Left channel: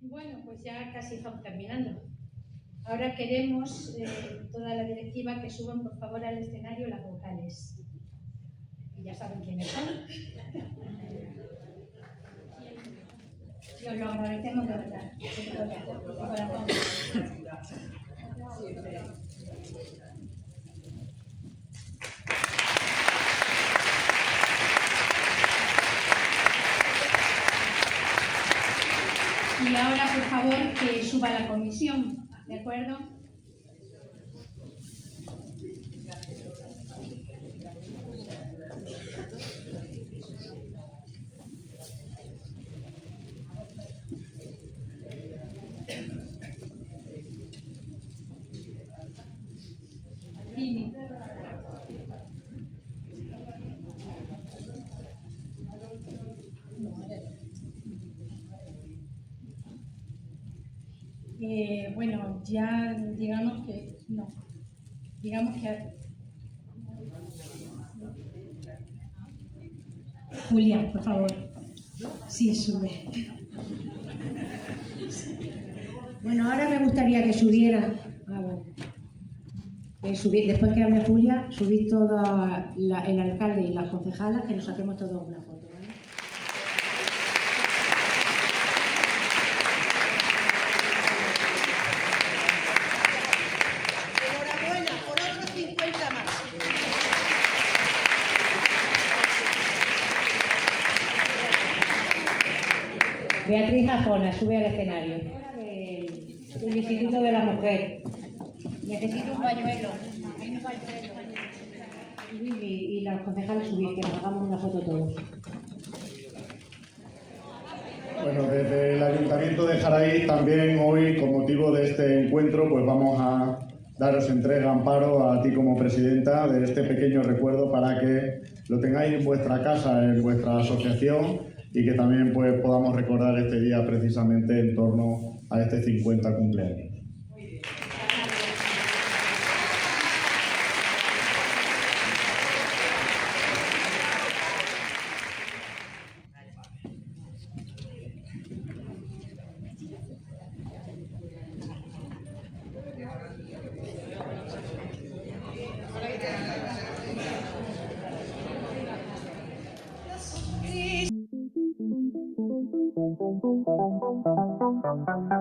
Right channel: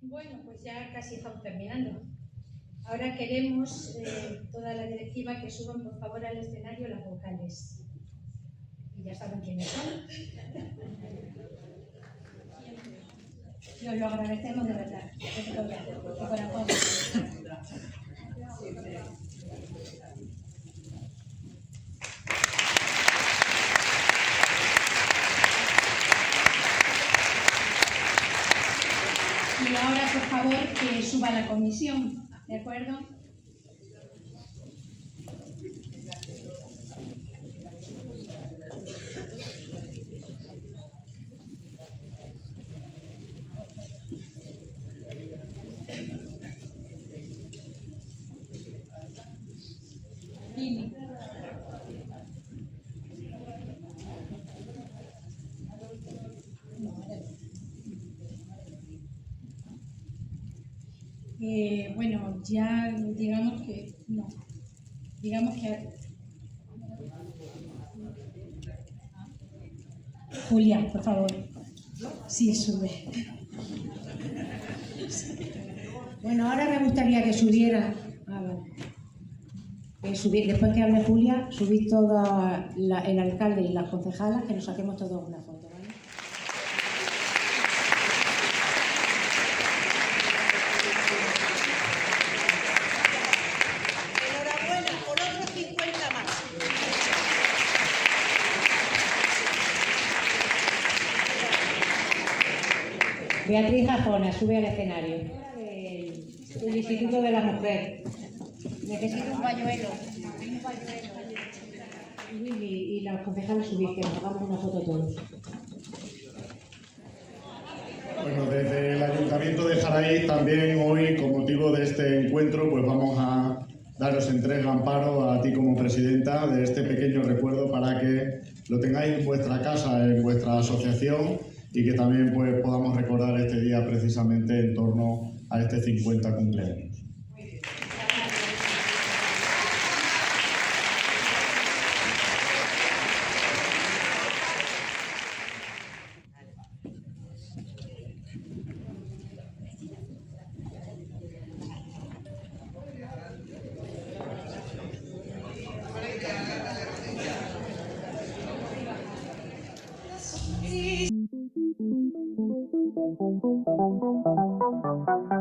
Bueno, pues ya casi estamos terminando. Ahora queremos, toda la directiva, que suban por favor al escenario las vocales. Y ya saben quiénes son. Y os lo agradecemos de verdad, de corazón. Y ahora, por favor, que suba la comisión, ¿de acuerdo? Bueno, ya digamos que no. Digamos que Julia, por favor. Sí, sube. Bueno, ahora me gustaría que subiera. Después que hable Julia, subid todo el alcalde y las concejalas, que nos saquemos todos una foto, ¿vale? Enhorabuena por otros 50 más. Beatriz Jafona, sube al escenario. Del Instituto de la Mujer. Necesito un pañuelo. Y las concejales subís, que nos hagamos una foto todos. Bueno, desde el Ayuntamiento de Jaraíz también hoy, con motivo de este encuentro, pues vamos a daros entrega, Amparo, a ti como presidenta, de este pequeño recuerdo para que lo tengáis en vuestra casa, en vuestra asociación, y que también pues podamos recordar este día precisamente en torno a este 50 cumpleaños. Thank you.